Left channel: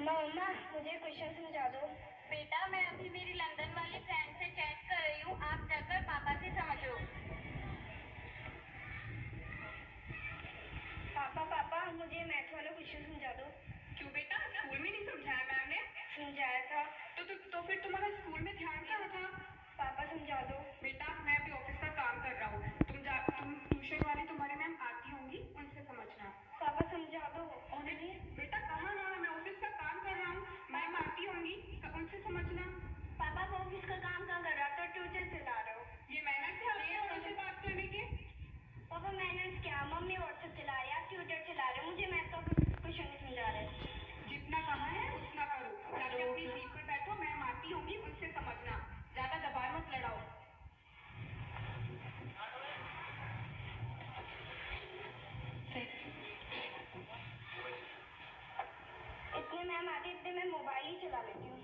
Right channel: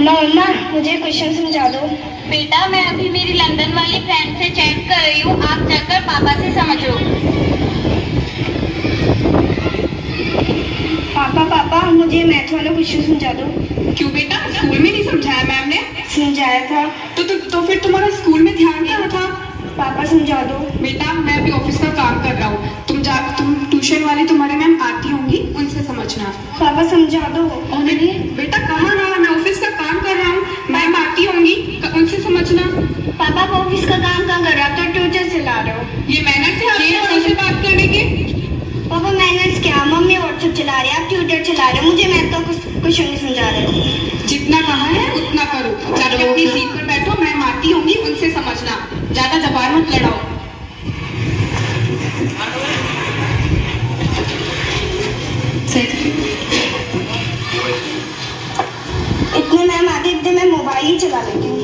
मम्मा मम्मा मुझे क्वेश्चन समझा दो। बेटा मैं अभी मेरी लंदन वाली फ्रेंड से चैट कर रही हूँ, आप जाकर पापा से समझ लो। पापा पापा मुझे मैथ वाला क्वेश्चन समझा दो। क्यों बेटा, स्कूल में नहीं समझाया मैम ने? समझाया था। तो फिर तुम्हारा स्कूल में ध्यान कहाँ था? पापा समझा दो। बेटा मैं अभी ऑफिस का काम कर रहा हूँ, तुम ट्यूशन वाली तुम्हारी मैम आती होंगी, उनसे समझना। पापा समझा दो। बेटा कहाँ ना, मैं ऑफिस का काम कर रहा हूँ, मैम आती होंगी, उनसे समझना। पापा आप ऑफिस का काम कहाँ कर रहे हो? तो ट्यूटर चला रहे हो। ये मैनर्स है आपके बड़ों से बात करने के? पापा मैनर्स क्या, मम्मी व्हाट्सएप चला रहे हैं, आप ट्यूटर चला रहे हो, मुझे मैथ का क्वेश्चन नहीं समझा रहे। जितना कहा है उतना करो, जाके अपनी सीट पर बैठो, मैम आती होंगी, उनसे समझना, ज्यादा जबान मत लड़ाओ। इतने मैम आते इतने मैं मोबाइल ही चला लेती हूँ।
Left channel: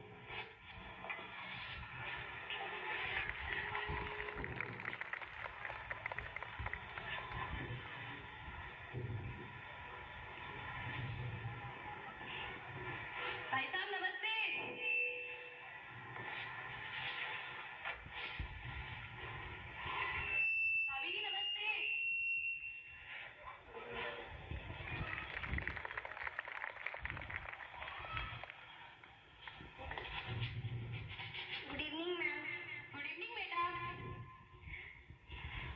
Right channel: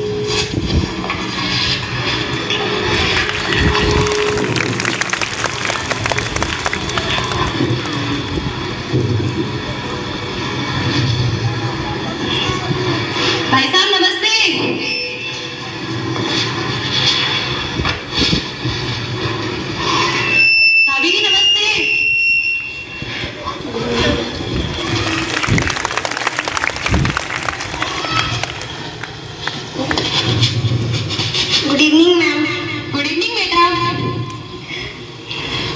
भाई साहब नमस्ते। भाभी जी नमस्ते। Good evening ma'am. Good evening बेटा।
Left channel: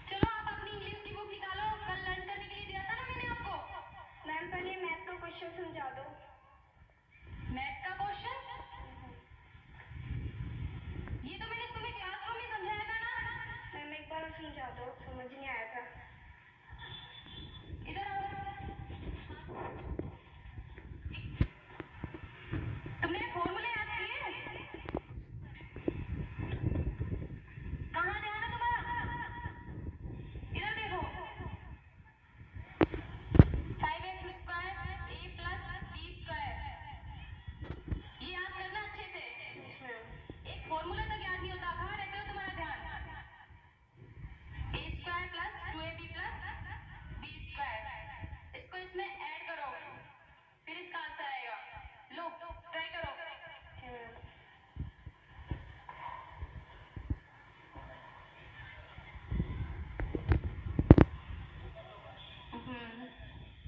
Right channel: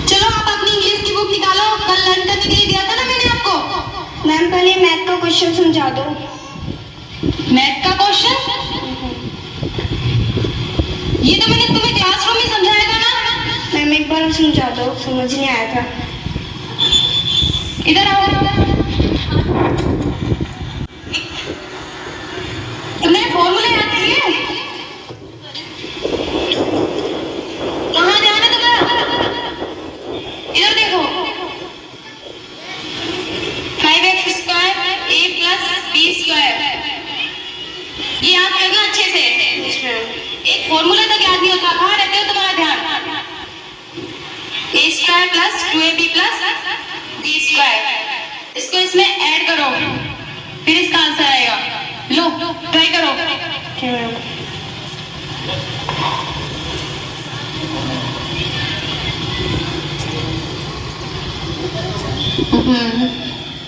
चलो आप अपनी इंग्लिश की बुक निकालो, कल लर्न करने के लिए दिया था ना मैंने आपको। मैम पहले मैथ का क्वेश्चन समझा दो। मैथ का क्वेश्चन? ये तो मैंने तुम्हें क्लासरूम में समझाया था ना। मैम एक बार समझा दो, समझ नहीं आया था। इधर आओ। तुमने फॉर्मूले याद किए? कहाँ ध्यान है तुम्हारा? इधर देखो। 5x square a plus b square, ये याद करना अच्छे से। एक फॉर्मूला तक याद नहीं होता, कहाँ रहते हो तुम्हारा ध्यान? a square plus 2ab plus b square, इसको इसमें ऐड करो, फिर इसका आंसर आएगा। लो ट्राई करो। क्या मैम?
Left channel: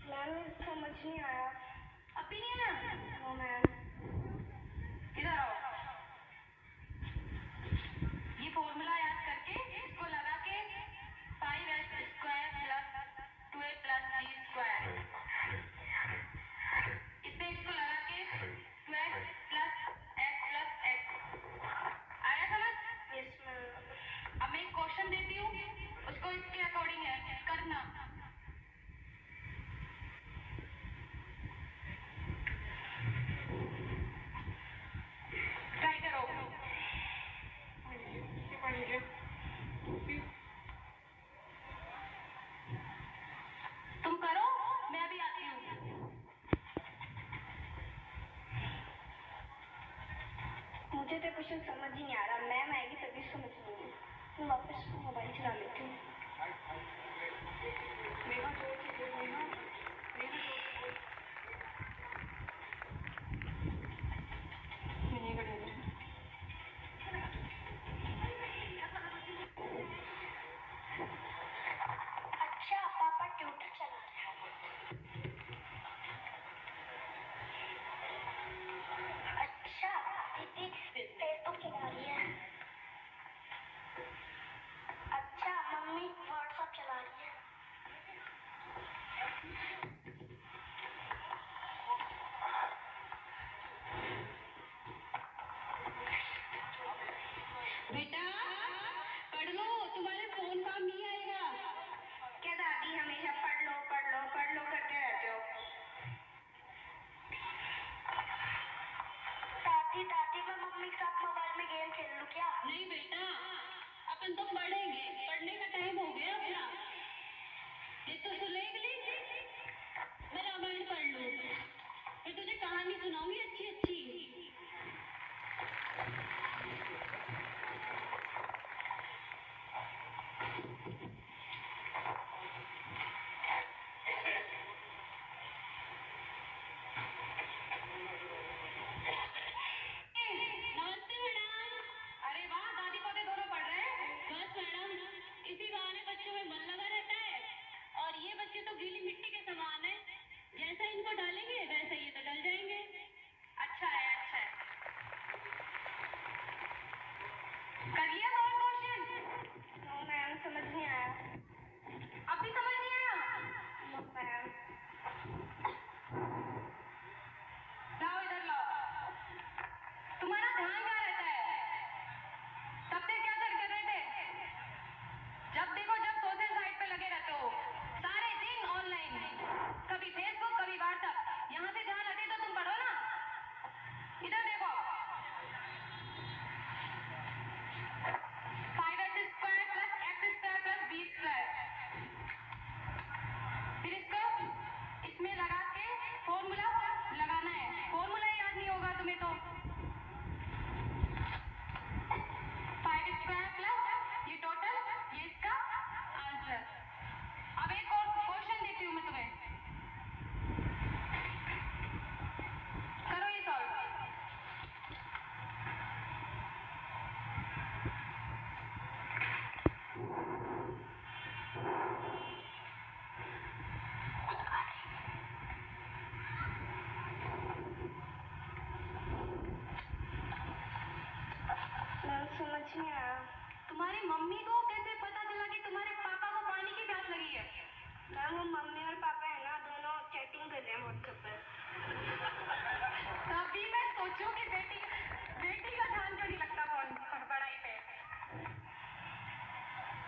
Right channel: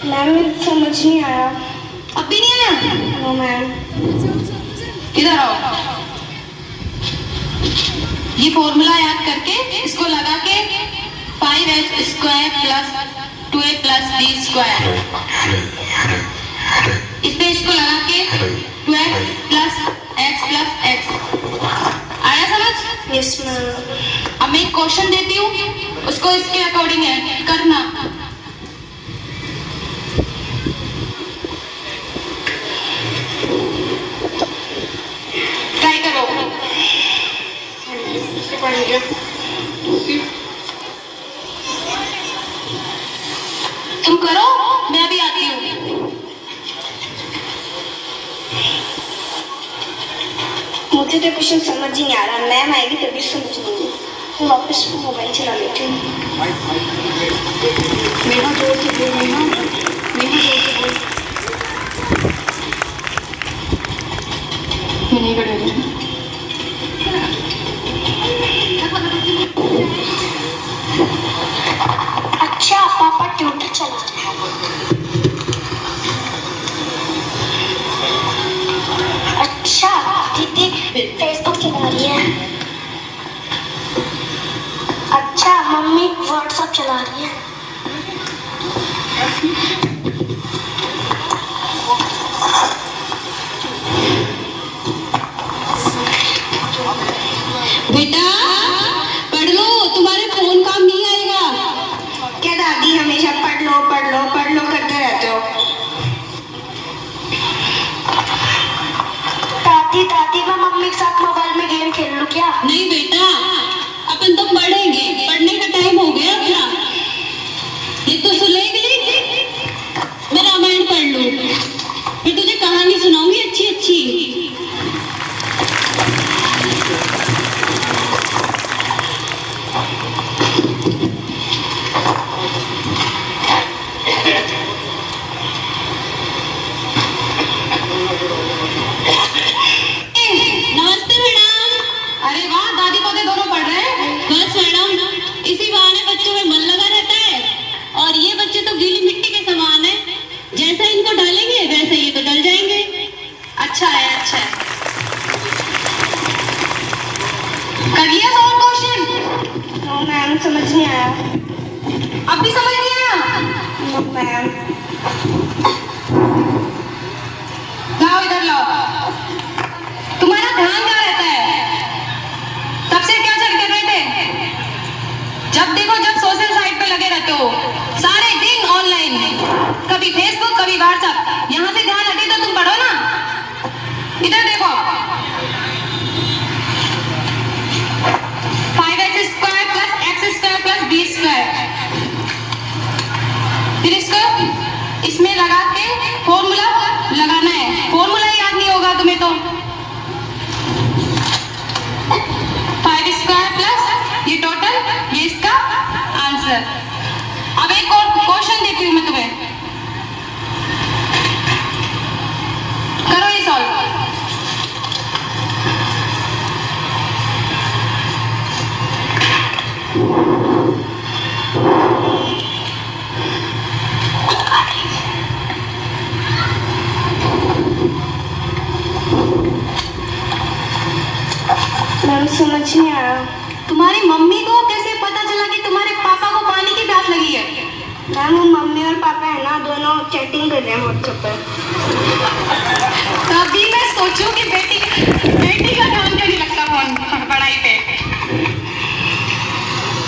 मैम मुझे समझ नहीं आया। अब भी नहीं आया? No ma'am. इधर आओ। ये फॉर्मूला याद करके इसको लगा के 5x square plus 2a plus b square, इस पे इसको लगा के 2x plus x plus x। आया समझ? Yes ma'am. अब मैं एक क्वेश्चन देती हूँ, उसको इसके अकॉर्डिंग है करना। ट्राई करो। तुम करो, मैं अभी आती हूँ। मुझे तो क्वेश्चन समझ ही नहीं आ रहा, मैम आएगी तभी समझ लूंगी। मैं वापस मोबाइल चला लेती हूँ। नेहा जोर से बोल, नेहा जोर से बोल। मैं नहीं कर रही। अच्छा पापा ट्यूटर चला रहे हैं। अच्छा दीदी फेसबुक चला रही है। अच्छा मम्मी व्हाट्सएप चला रही है। बेटा पढ़ लो, तुम्हारे फोन काम नहीं आएगा। क्या दादी हमेशा पढ़ लो पढ़ लो पढ़ लो करते रहते हो? दादी दादी मैं मम्मी के साथ मोबाइल में गेम खेल लूं क्या? नहीं बेटा, अपन तो पढ़ेंगे, पढ़ने का टाइम हो गया अपना। ये तो सुनेगी, मैं रामायण पढ़ लूं, फिर तुझे कहानी सुनाऊंगी अच्छी अच्छी। को डालेंगे वैसे ये तो डल जाएंगे। अच्छा है, अच्छा है। कर लिया सॉल्व क्वेश्चन? नो मैम, समझ नहीं आया। अब भी समझ नहीं आया? No ma'am. लाओ इधर लाओ। तुम्हारा ध्यान कहाँ रहता है? तब से क्या चल कर रहे थे? जब देखो जब सोशल साइट पे लगे रहते हो, सारे दिन ऑनलाइन, कभी फेसबुक कभी व्हाट्सएप। यहाँ से ध्यान हटे तो तुम पढ़ो ना। इधर देखो, 5x² + x² + b²। फिर इसको इसमें लगा के फॉर्मूला लगाना है। फॉर्मूला याद नहीं होगा तुम्हें तो। 5² प्लस ये टोटल, ये इसका आंसर। अब एक और क्वेश्चन देती हूँ मैं तुम्हें, करो ये सॉल्व। मैम समझ नहीं आया। तुम्हारी मम्मी को कैसे पता चला कि तुम्हारे पापा को पानी की प्यास लगी है? मैम वो मम्मी और पापा है ना, दोनों चैटिंग कर रहे हैं व्हाट्सएप पर। तभी मैं सोचूं कि बेटी का ध्यान क्यों नहीं लगता फोन पढ़ाई पे।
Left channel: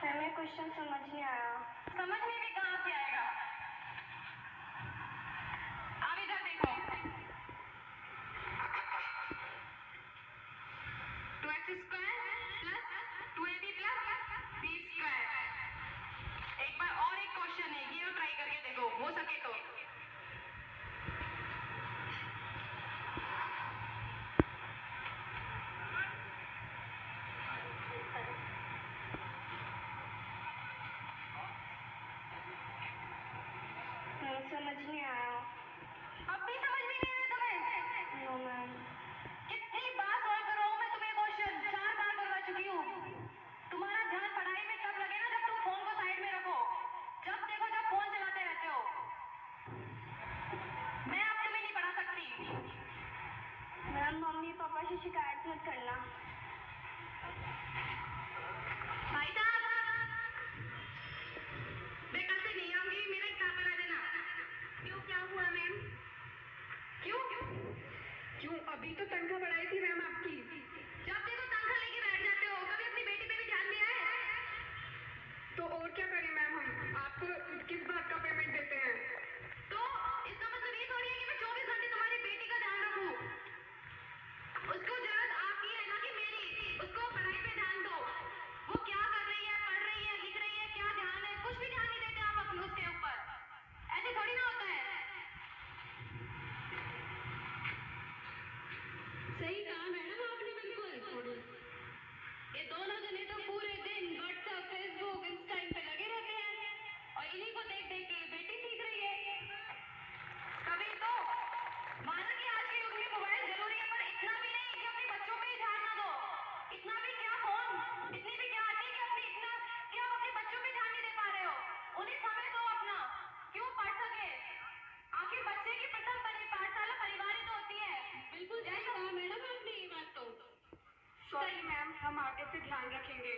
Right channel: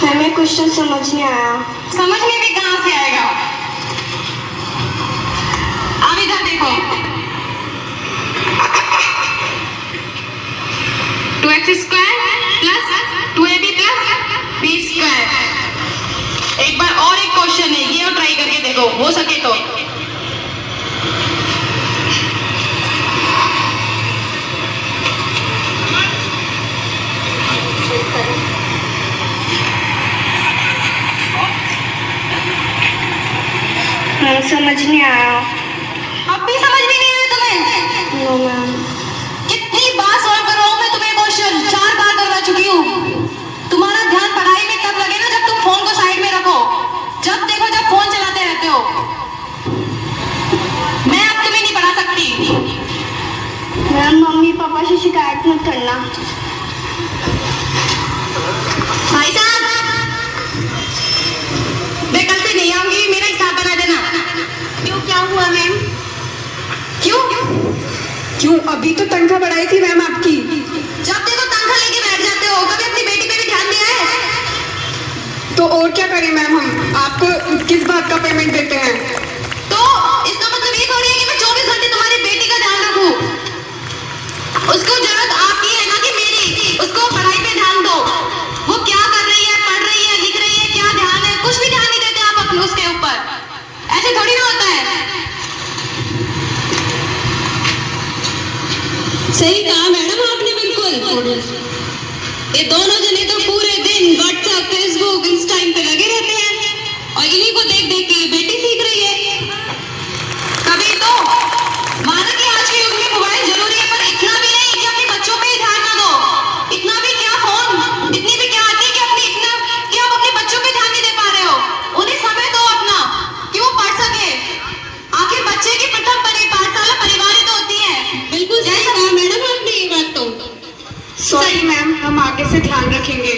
मैम ये क्वेश्चन समझ नहीं आया। समझ में भी कहाँ से आएगा? अब इधर देखो, 2x² + 2ab + b²। एक बार और एक क्वेश्चन है, ये और ट्राई करके देखो, हो सके तो। मैम समझ नहीं आया। अब भी समझ में नहीं आया तुम्हें? No ma'am. कितनी बार सॉल्व करवाऊं मैं तुम्हें क्वेश्चन? 4 बार करवा चुकी हूँ। तुम्हारा ध्यान पढ़ाई में तब लगे ना जब तुम फोन को साइड में रखो, जब देखो जब फोन चलाते रहते हो। मैं अब तुम्हें नहीं पढ़ा सकती। मैम मम्मी पापा से शिकायत मत करना। भाई साहब, मैं कल से नहीं आऊंगी, मेरा हिसाब बना देना। क्यों, क्या हुआ मैम? क्यों? क्यों? अभी तो तनख्वाह बढ़ाई थी मैम आपकी। जब देखो तनख्वाह लेके बैठ जाते हो, कभी अपनी बेटी पे भी ध्यान दिया है? तो और क्या करें मैम, हम आपको किस बात का पेमेंट देते हैं? तो इसका मतलब ये थोड़ी है कि मैं 24 घंटे तुम्हारी बेटी का ध्यान रखूं। उसको जरूरत आपकी है ना कि मेरी। उसको पढ़ाई पे ध्यान दो। वो क्या कर रही है, पढ़ रही है, लिख रही है, क्या ध्यान है, कुछ भी ध्यान नहीं देते आप अपने उसके ऊपर। ऐसे थोड़ी ना होता है। सही कहा मैडम आपने, बिल्कुल। ये दोनों जने तो पूरे दिन व्हाट्सएप, फेसबुक, इंस्टा पे लगे रहते हैं और इन्हीं को देख देख के ये बेटी सीख रही है। कभी तो माना कि आज के युग में मोबाइल जरूरी है, पर इतना भी नहीं कि अपने बच्चों पे ही ध्यान ना दो। इतना भी क्या फोन, इतनी भी क्या आती है कि आप अपने बच्चों पे ध्यान नहीं दे पा रहे हो। उन्हें समय दो अपना, कि वो पढ़ सके। आखिर बच्चे की प्रथम पाठशाला परिवार ही तो होती है। बिल्कुल सही कहा मैडम आपने ये बात तो। सॉरी मैम, हम आगे से ध्यान रखेंगे।